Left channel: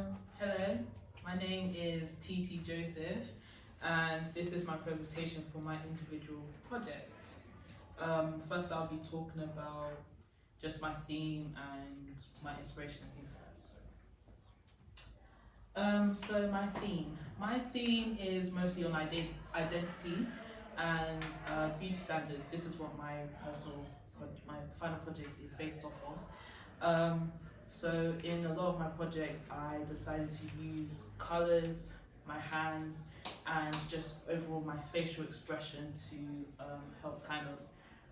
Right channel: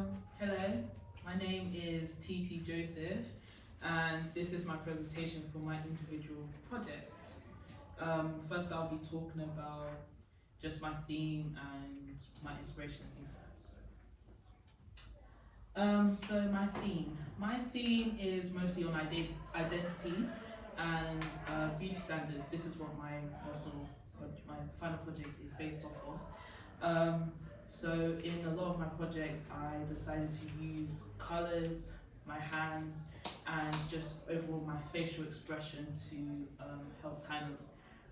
Hello, my name is TT Joseph, and this is my presentation for my individual project. First, I'll be talking about just my theme and my inspiration and things like that. So my theme is mostly on identity and beauty standards. This is what my final project is based off of. So in a lot of my projects, I decided to use colours, my hands, and just overall my facial expression to help kind of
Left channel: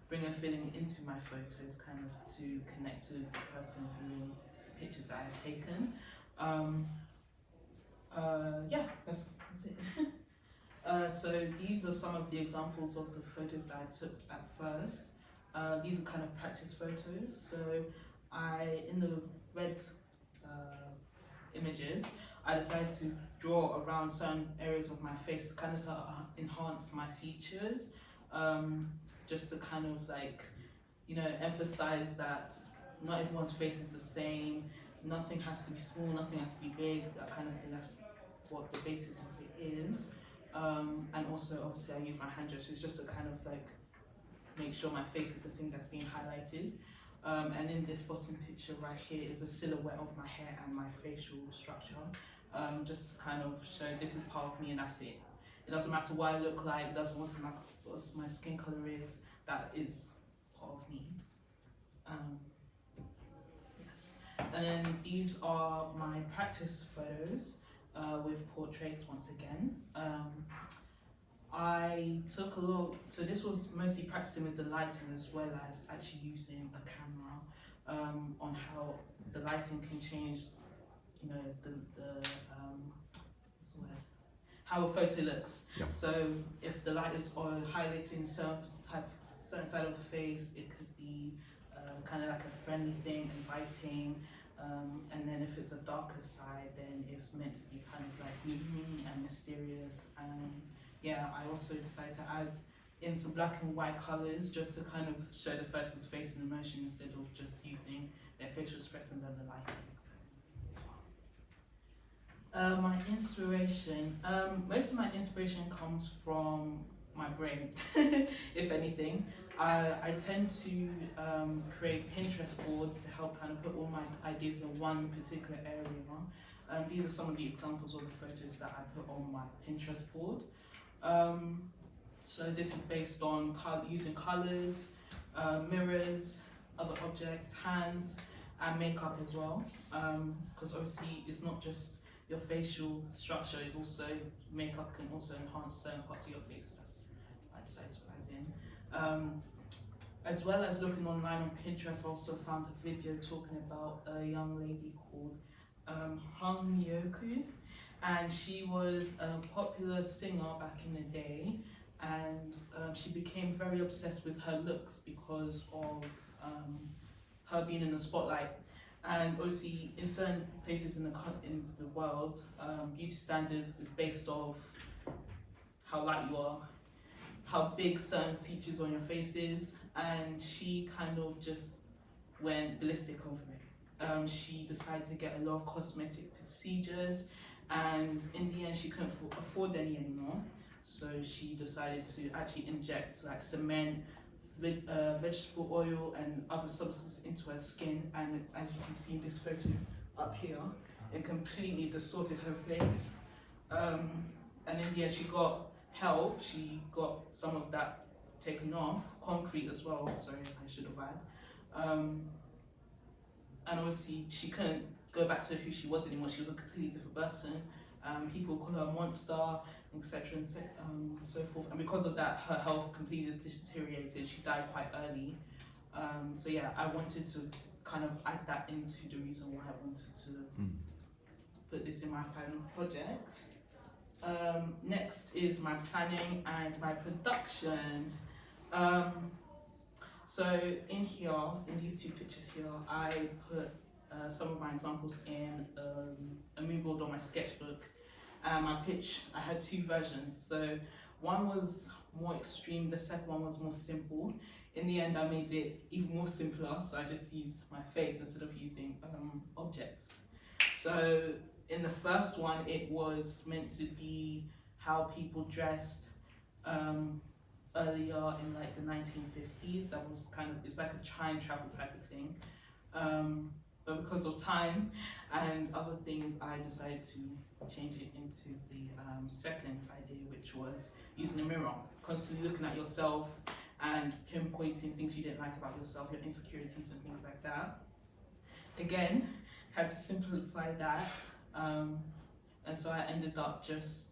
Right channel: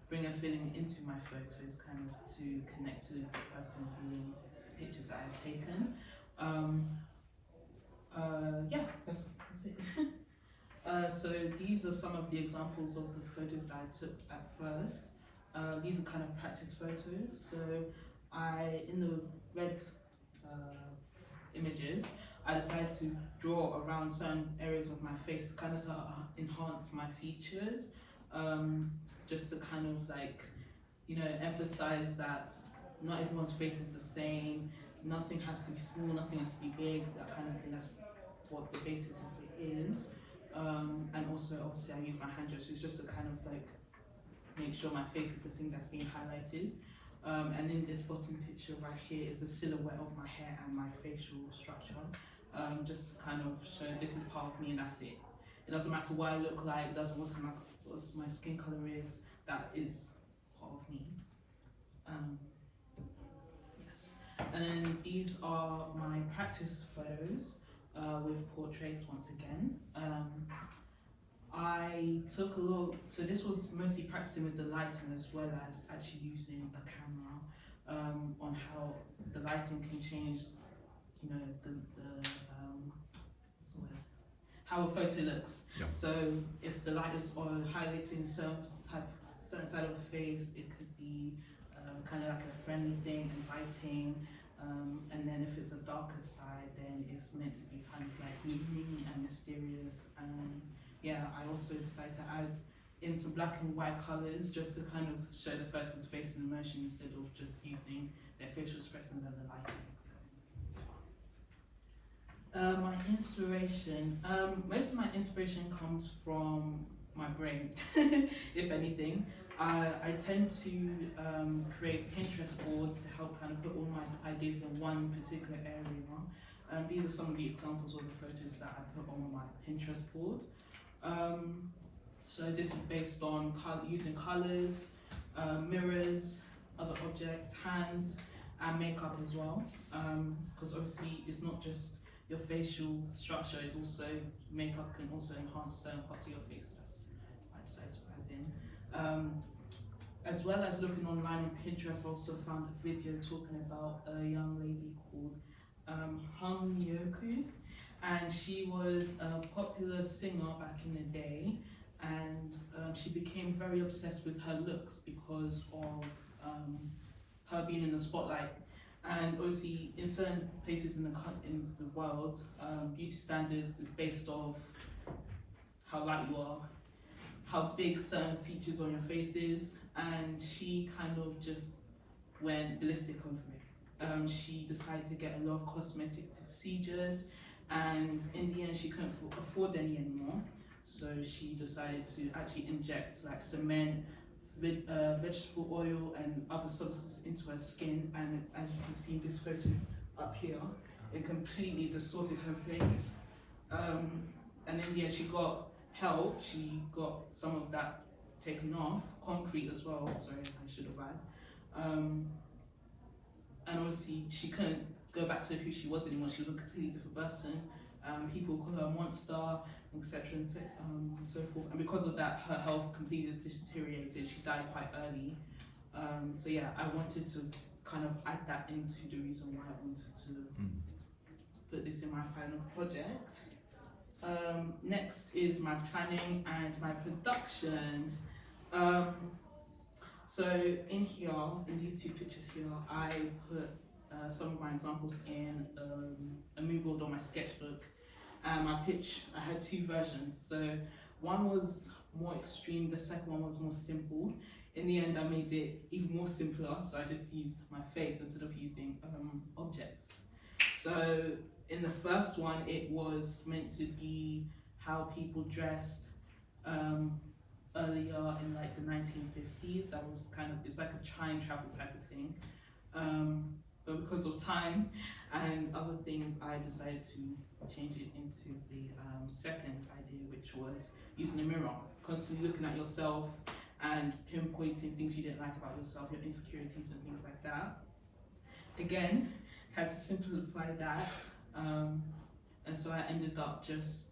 bring a feeling into my photos, kind of to connect to the person viewing the pictures that I've taken. Yeah, that's it. So these are some of the examples of the photos that I took at first. These are kind of practice photos. So in the red images, I decided to draw around certain areas of my face, kind of to enhance my features, just to kind of like, emphasize that not everyone's face is the same, nothing has to be small, nothing has to be big, that kind of thing. That's what the basis of it is. And also, obviously, I use my hand gestures just to kind of like make sure my face is the thing that's being highlighted. And in this bottom picture right here is a silhouette of my hair and my facial structure, just to kind of show this is part of me and that's it. It doesn't matter what I look like, it doesn't matter what my skin color is, that is part of me. Yes. And then these are my practice photos with portraits once again. I took a lot, so this was mostly practicing with the lighting as well as actually using a camera on how the lighting can change, how a photo looks. Yeah. So if the light is on highlighting certain side of the face, it could be kind of like a friendly thing, inviting. And then if it's a darker side, then it's meant to be kind of like gloomy and mysterious. And yeah, I also decided to add in some black and white colours just to kind of show the person's face and emotion instead of just using their facial expression and the lighting. My inspiration, most of my inspiration comes from my brain, if anything. I tend to create Pinterest boards to help kind of put all my ideas in one particular area. These are some of the examples of the photos that I put on my Pinterest board. So this is based on using colours, mirrors, other objects, hands, and makeup as well. Because obviously it's not just your facial structure, it's also makeup can also enhance certain parts of your face. I decided to add in. As well as looking online on Pinterest, I also found a video talking about a young lady called Hong Myoku, and she was a popular singer back in the day, and she became very obsessed with her looks because of her being in the spotlight. And obviously, in certain places in the world, beauty standards is based off how light you are, how big certain features on your face is, and she kind of just went ballistic over it. She decided to get a lot of cosmetic procedures, and in the end, she couldn't afford any anymore. So she decided to actually inject like cement, vegetable oil and other substances into her skin, and as you can see in this photo up here, it completely distorted her face. And in the end, she got help. She got some of that taken off, concrete as well, sorry, I should have added. And obviously she couldn't go back to who she was anymore. She was a completely different person. People call her a monster, etc. and so forth. And because of that, her health completely deteriorated. She died quite early. So yeah, I wanted to kind of add that into the reason why I wanted to put this in my final project. Next is my planning and my production. So in here, in these two pictures here, I put some of my examples in a mood board on my sketchbook. I had two versions. So one was more extreme, the second one was more simple. In the end, I made it even more simpler, so I just used my face instead of using objects. So in the first one, it was meant to be how people dressed earlier in like the 1950s. That was kind of, it's like a time travel type of thing. But because of time and other things, I decided to change it into the second idea, which was using a mirror, constantly looking at yourself and pinpointing things you didn't like about yourself, your insecurities and things like that. Again, had to simplify that, and so I ended up just,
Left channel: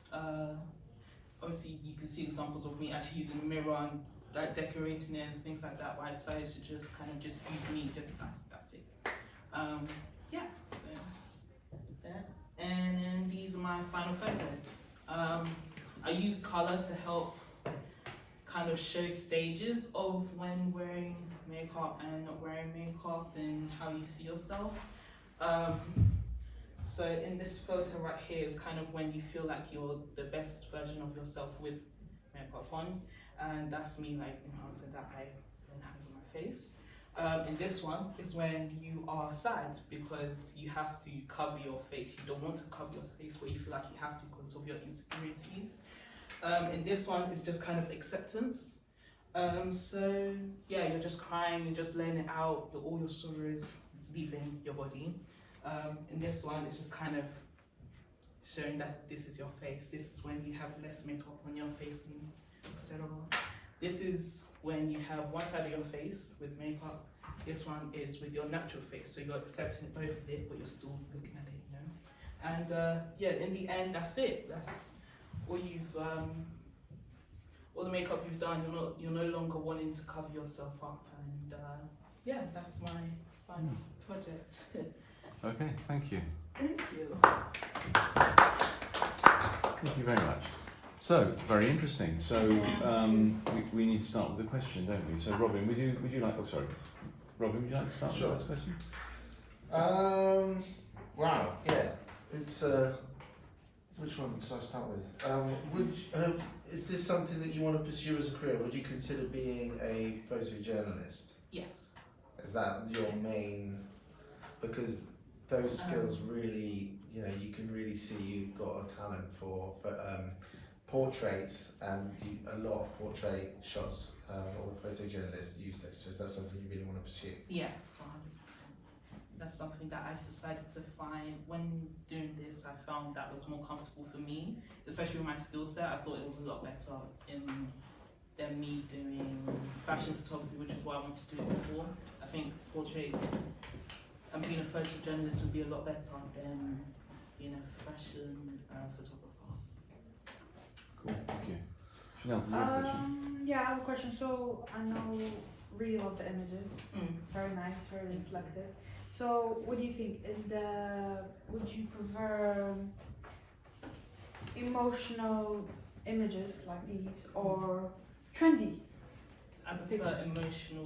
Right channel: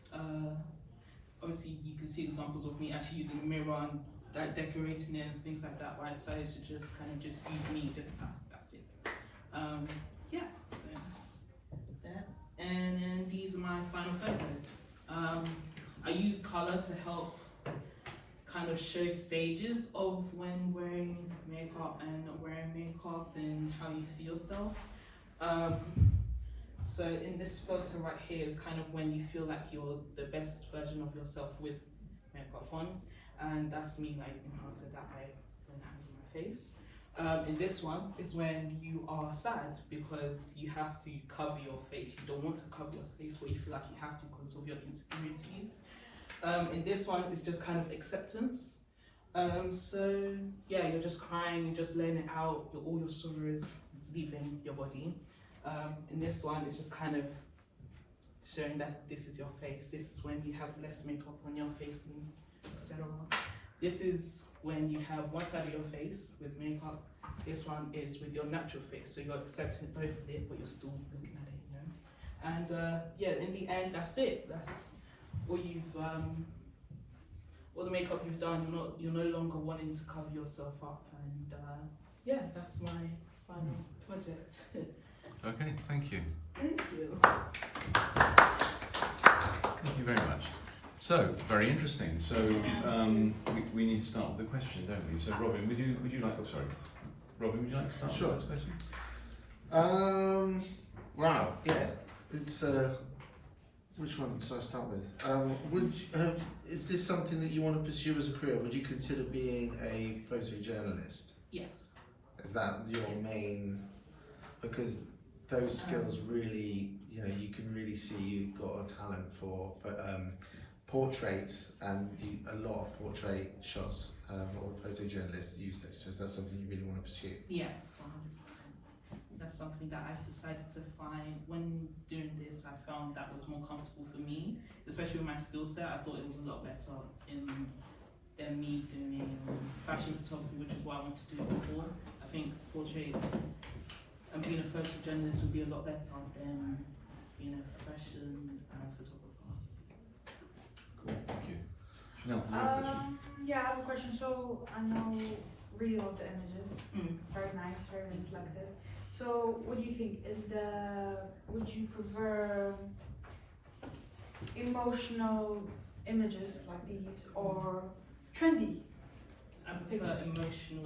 obviously you can see examples of me actually using a mirror and like decorating it and things like that, but I decided to just kind of just use me, just that's it. Yeah, so that's that. And then these are my final photos. I use color to help kind of show stages of when wearing makeup and not wearing makeup and how you see yourself. So in this photo right here is kind of when you feel like you're the best version of yourself with makeup on, and that's me like enhancing that by putting hands on my face. In this one is when you are sad because you have to cover your face. You don't want to cover your face where you feel like you have to because of your insecurities. In this one, it's just kind of acceptance. So yeah, you're just crying, you're just letting it out, all your sorrows leaving your body. In this one, it's just kind of showing that this is your face. This is when you have less makeup on your face, etc. This is when you have one side of your face with makeup. This one is with your natural face, so you're accepting both of it, but you're still looking at it, you know. And yeah, in the end, that's it. That's all you've, all the makeup you've done. You're no longer wanting to cover yourself up, and yeah, that's my final project. Okay, thank you. Thank you. Thank you very much. So, very interesting. So, we need to start with a question, don't we? So, Robin, would you like? Oh, sorry, Robin, would you like to start Sure. with this question? Wow. Yeah. It's which one should I start with? Is this something that you want to pursue as a career? Would you consider being a photojournalist? Yes. Is that your main? Because those skills really, you know, you can really see you've got a talent for portraits, and a lot of portrait shots or photojournalists use this. So is that something you really want to pursue? Yes, 100%. That's something that I've decided to find. When doing this, I found that was more comfortable for me, especially with my skill set. I thought it was a lot better than me doing fashion photography, which is what I wanted to do before. I think portrait and being a photojournalist would be a lot better than being a fashion photographer. Great, thank you. Chanel, do you have a question? Yeah, I have a question. So I know really love the images. Very nice, very reflective. So what do you think? Would you prefer emotional images like these or trendy? I prefer emotional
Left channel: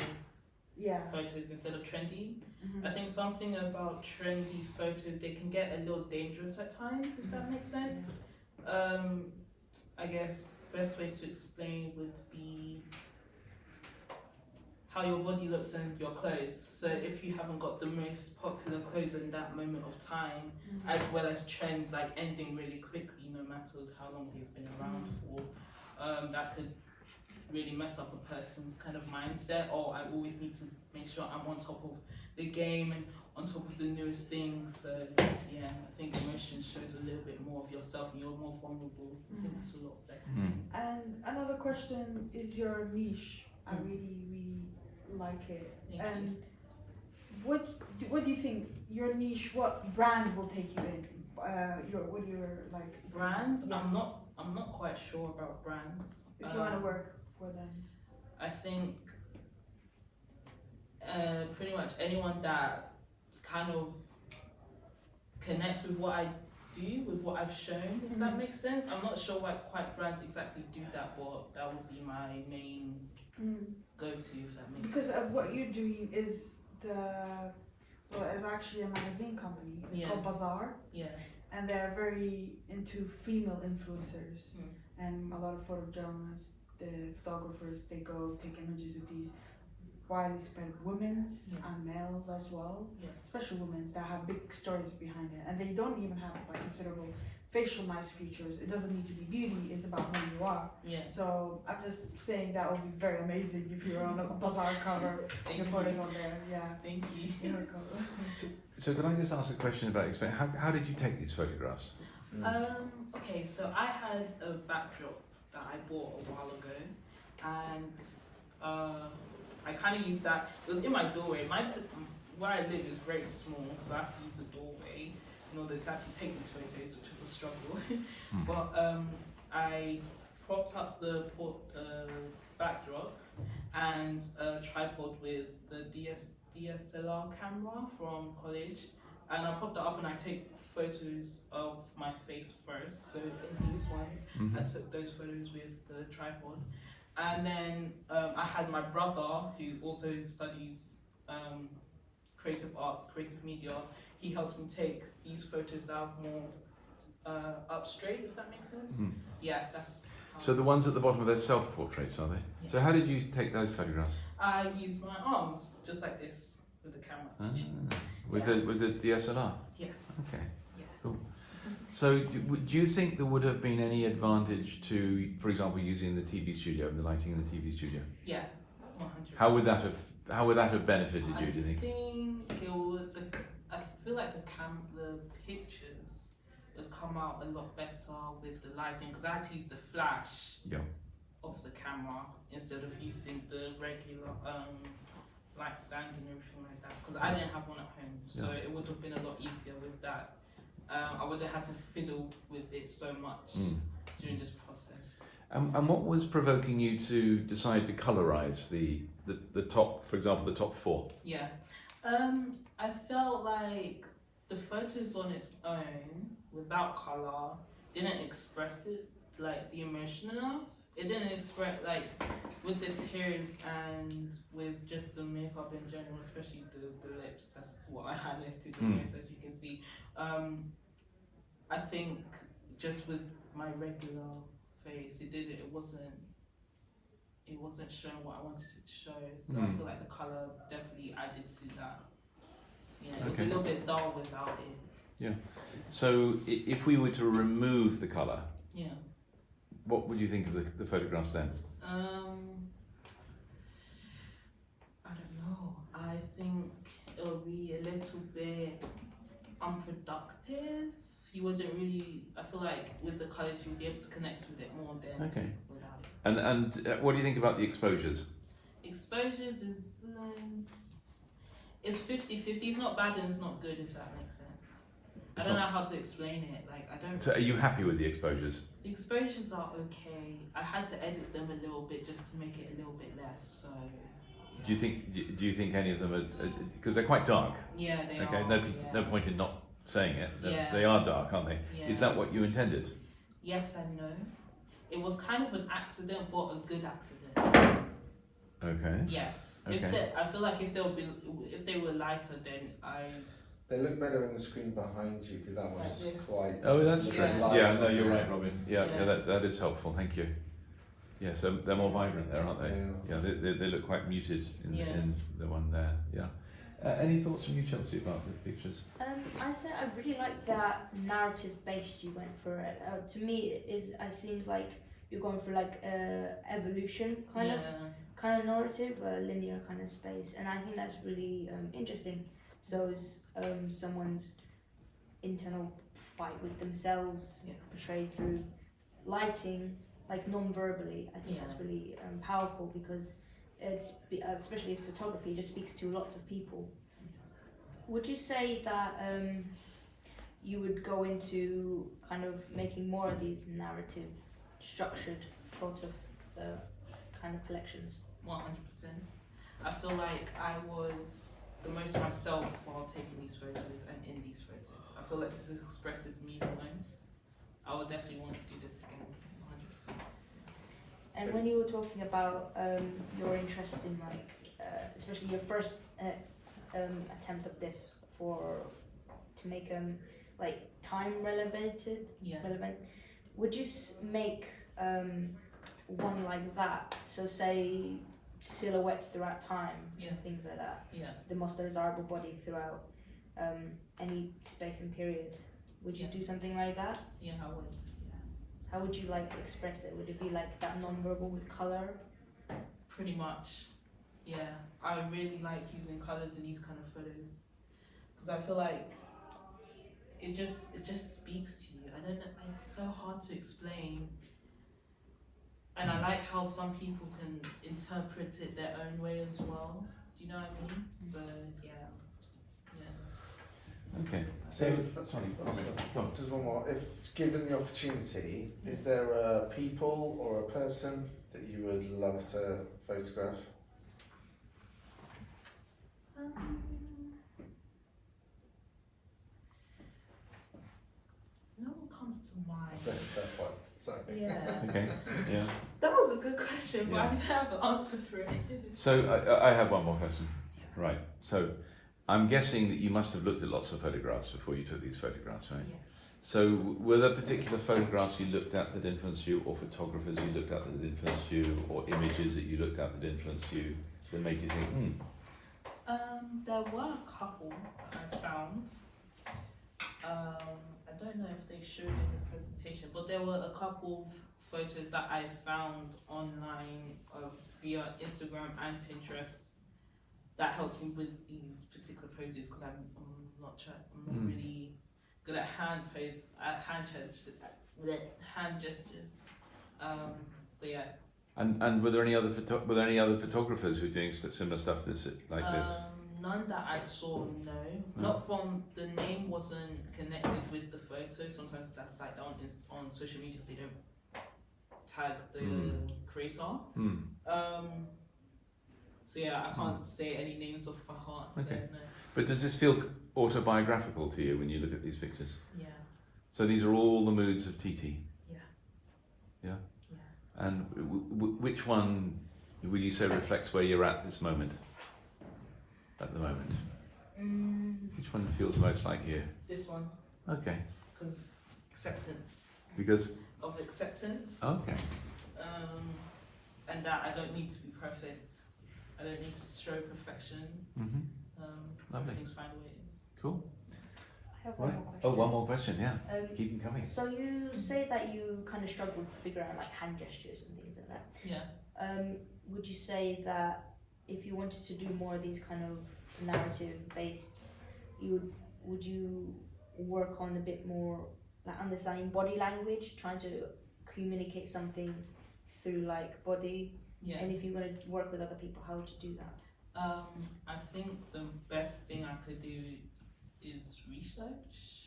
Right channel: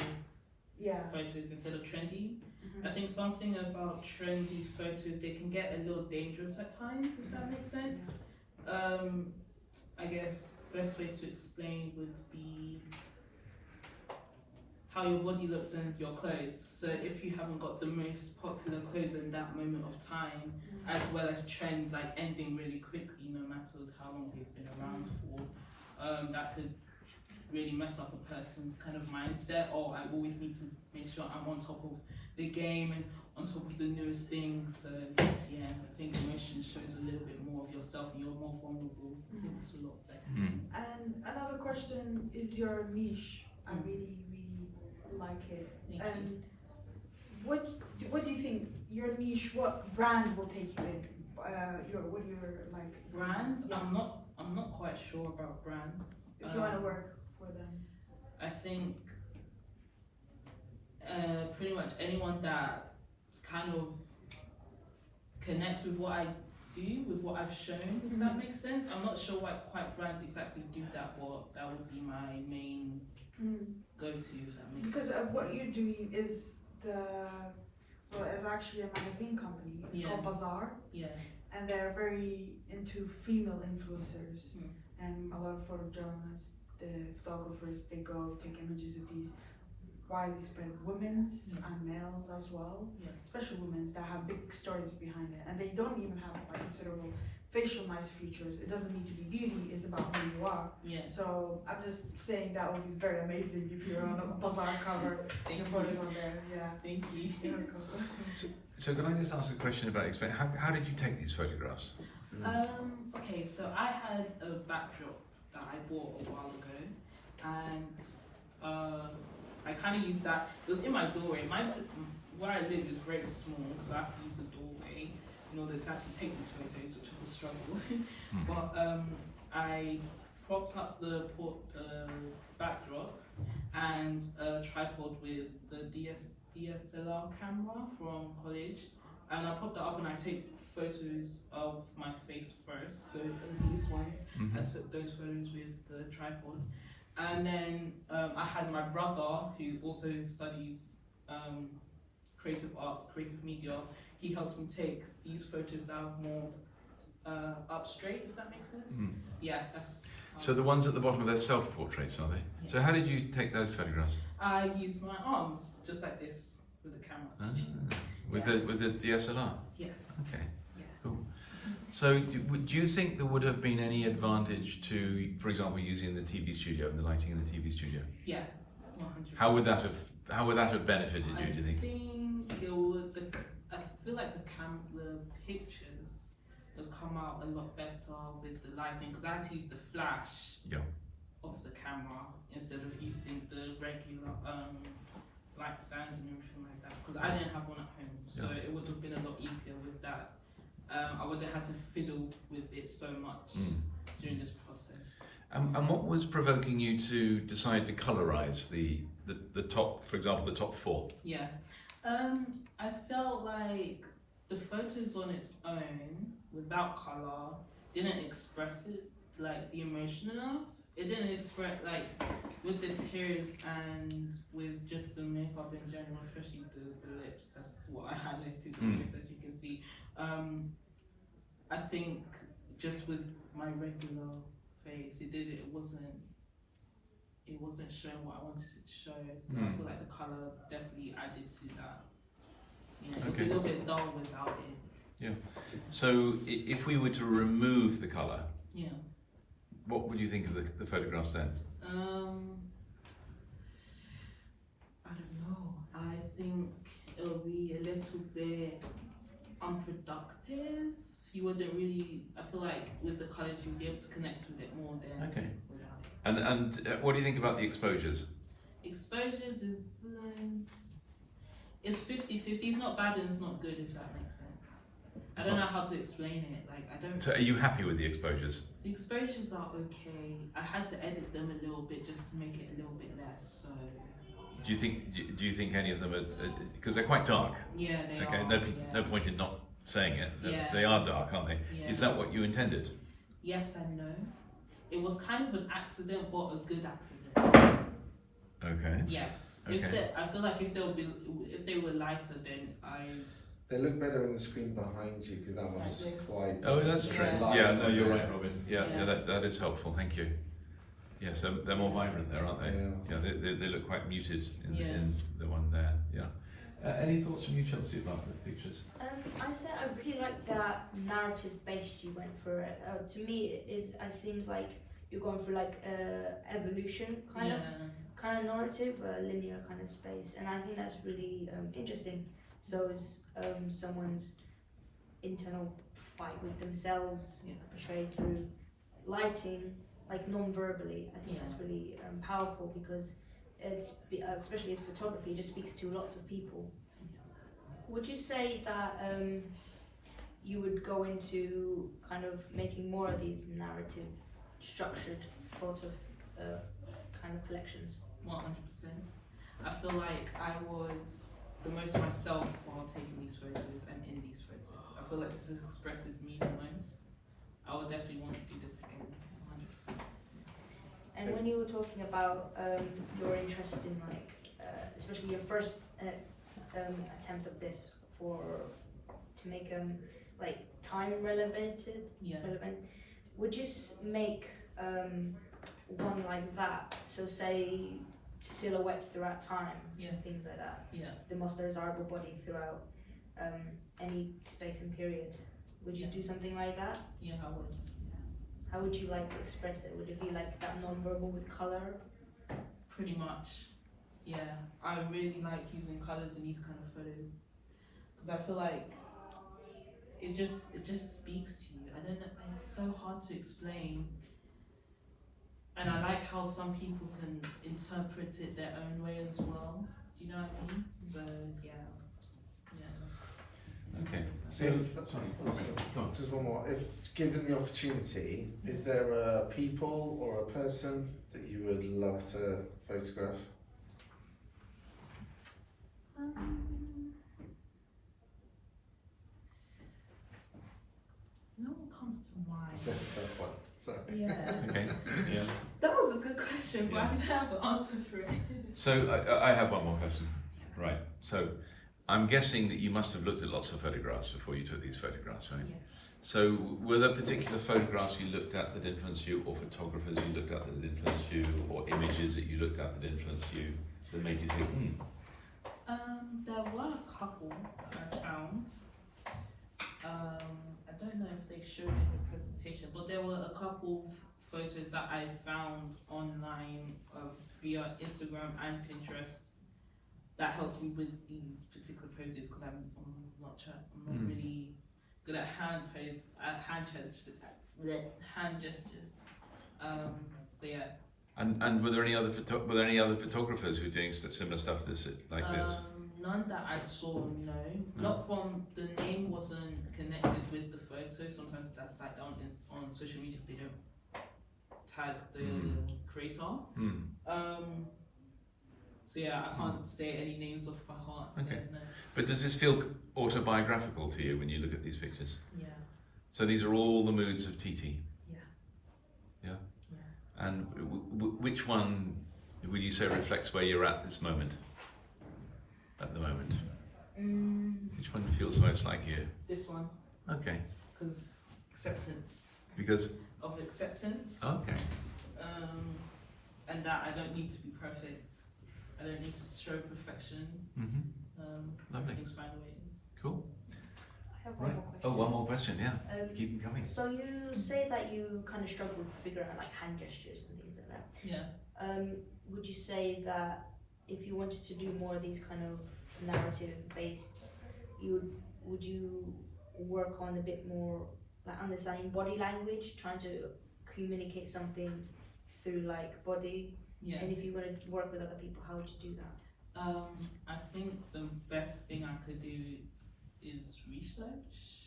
photos instead of trendy. I think something about trendy photos, they can get a little dangerous at times, if that makes sense. I guess best way to explain would be how your body looks and your clothes. So if you haven't got the most popular clothes in that moment of time, as well as trends like ending really quickly, no matter how long they've been around for, that could really mess up a person's kind of mindset. Or I always need to make sure I'm on top of the game and on top of the newest things. So yeah, I think emotions shows a little bit more of yourself and you're more vulnerable. I think that's a lot better. And another question is your niche. I really like it. And what do you think your niche? What brand will take you in? What your like brands? Yeah. I'm not quite sure about brands. If you want to work for them. I think pretty much anyone that kind of connects with what I do, with what I've shown, if that makes sense. I'm not sure what quite brands exactly do that, but that would be my main go-to, if that makes because sense. of what you're doing is it's actually a magazine company. It's called Bazaar. Yeah. And they're very into female influencers. And a lot of photojournalists, the photographers, they go take images of these widely spread women's Yeah. and males as well, Yeah. especially women's that have big stories behind it, and they don't even have like considerable facial nice features. It doesn't need to be beauty; it's about who you are. Yeah. So I'm just saying that would be very amazing if you're on a bazaar cover. Thank Your you. photos on there, yeah. Thank you. So can I just ask a question about explain? How did you take these photographs? Okay, so I had a backdrop that I bought a while ago, and I kind of used that. It was in my doorway. Where I live is very small, so I have to use the doorway in order to actually take these photos, which is a struggle. But I propped up the backdrop and a tripod with the DSLR camera from college, and I popped that up and I take photos of my face first. So in these ones, I took those photos with the tripod, and then I had my brother who also studies creative arts, creative media. He helped me take these photos that are more up straight, if that makes sense. Yeah, that's. So the ones at the bottom are their self-portraits, are they? Yeah. So how did you take those photographs? I use my arms just like this with the camera. With the DSLR? Yes. Okay. Yeah. Cool. So do you think there would have been any advantage to, for example, using the TV studio and the lighting in the TV studio? Yeah. 100%. How would that have benefited you? Do you think? I think it would. I feel like the pictures would come out a lot better with the lighting, because I had to use the flash of the camera instead of using the regular light stand and everything like that, because I didn't have one at home, so it would have been a lot easier with that. I would have had to fiddle with it so much during this process. And what was provoking you to decide to colorize the top, for example, the top 4? Yeah, I felt like the photos on its own, without color, didn't express it, like the emotion enough. It didn't express, like, with the tears and with just the makeup in general, especially the lips. That's what I highlighted the most, as you can see. I think just with my regular face, it wasn't showing what I wanted it to show. So I feel like the color definitely added to that. Yeah, it was a little bit dull without it. Yeah. So if we were to remove the color, what would you think of the photographs then? I don't know. I think it'll be a little bit unproductive. You wouldn't really. I feel like with the colours you'll be able to connect with it more than without it. And what do you think about the exposures? Exposures is it's 50-50. It's not bad and it's not good, if that makes sense. I don't know how to explain it. Like I don't. So are you happy with the exposures? The exposures are okay. I had to edit them a little bit just to make it a little bit less. So. Do you think any of them are, because they're quite dark? Yeah, they are. Okay, no point in not saying it. Yeah. They are dark, aren't they? Yeah. Is that what you intended? Yes and no. It was kind of an accident, but a good accident. Okay. Yes. Okay. I feel like if they were lighter, then They look better on the screen behind you because that one's Like this. quite. Oh, that's it's true. very light Yeah, no, on you're there. right, Robin. Yeah, Yeah. that is helpful. Thank you. Yes, they're more vibrant there, aren't they? Yeah. Yeah, they look quite muted Yeah. in the one there. Yeah. Any thoughts from you, Chelsea, about the pictures? I say I really like that narrative base you went for. To me, it seems like you're going for like evolution kind of narrative, a linear kind of space, and I think that's really interesting. So is someone's internal fight with themselves portrayed through lighting, like non-verbally. I think that's really powerful because it's especially as photography, it just speaks to lots of people. Would you say that you would go into kind of making more of these narrative structured photo kind of collections? 100%. I feel like I was the most myself while taking these photos and in these photos. I feel like this expresses me the most. I would definitely want to do this again, 100%. And when you were talking about your interest in like, especially your first attempt of this to make like time relevant, would you make one like that? So say silhouettes throughout time, Yeah. things like that. Yeah. The most desirable body throughout any space and period. Would you Yeah. do something like that? Yeah, I would. How would you like express it? Would it be like that non-verbal with color? Pretty much. Yeah. I really like using colours in these kind of photos because I feel like it just speaks to you. I don't know. It's so hard to explain. And I like how some people can interpret it their own way as well. Do you know what I mean? So yeah. Okay. So, Sorry, go on. just one more. If given the opportunity, is there a people or a person that you would love to photograph? No one comes to mind. Second, third one. Sorry. Yeah. Okay. Yeah. That was a good question, but I Yeah. don't have an answer for it. So I have one more question. Right. So I'm guessing that you must have looked at lots of photographs before you took these photographs, right? Yeah. So were there particular photographs you looked at that influenced you, or photographers you looked at that influenced you, or images that you looked at that influenced you that made you think, There were a couple that I found. I don't know if they showed in the presentation, but there were a couple photos that I found online via Instagram and Pinterest that helped me with these particular poses because I'm not really good at hand gestures. So yeah. And were there any other photographers who were doing similar stuff this? None that I saw, no. Not from, the name wasn't connected with the photo. Sometimes that's like on social media, they don't tag the creator. So yeah, I can't say any names off by heart. So Okay. no. But does this feel autobiographical to you when you look at these pictures? Yeah. So these are all the moods of TT? Yeah. Yeah? Yeah. And which one would you say reflects where you're at this moment? At the moment? Which one feels most like you? This one, Okay. because acceptance. Because? Of acceptance. Okay. And that I don't need to be perfect. I don't need to show perfection. Lovely. Everything's fine the way it is. Cool. I have Right. one more question. Oh, one more question, yeah. Keep them coming. So you say that you kind of struggle to figure out like hand gestures and things like that. Yeah. Would you say that if you wanted to do more of these kind of narrative based, would you work on a bit more like understanding body language, trying to communicate something through like body? Yeah. And if you're going to work with other people, how would you do that? I think the best thing I could do is research,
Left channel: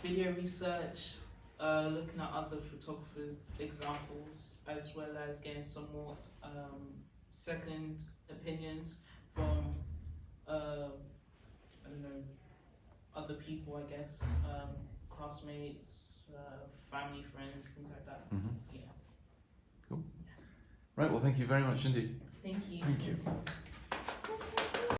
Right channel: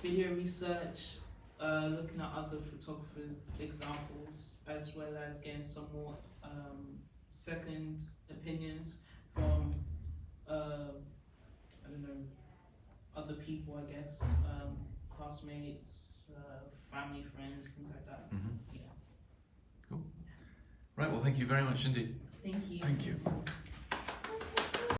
video research, looking at other photographers' examples, as well as getting some more second opinions from I don't know, other people, I guess, classmates, family, friends, things like that. Yeah. Cool. Right, well, thank you very much indeed. Thank you. Thank you.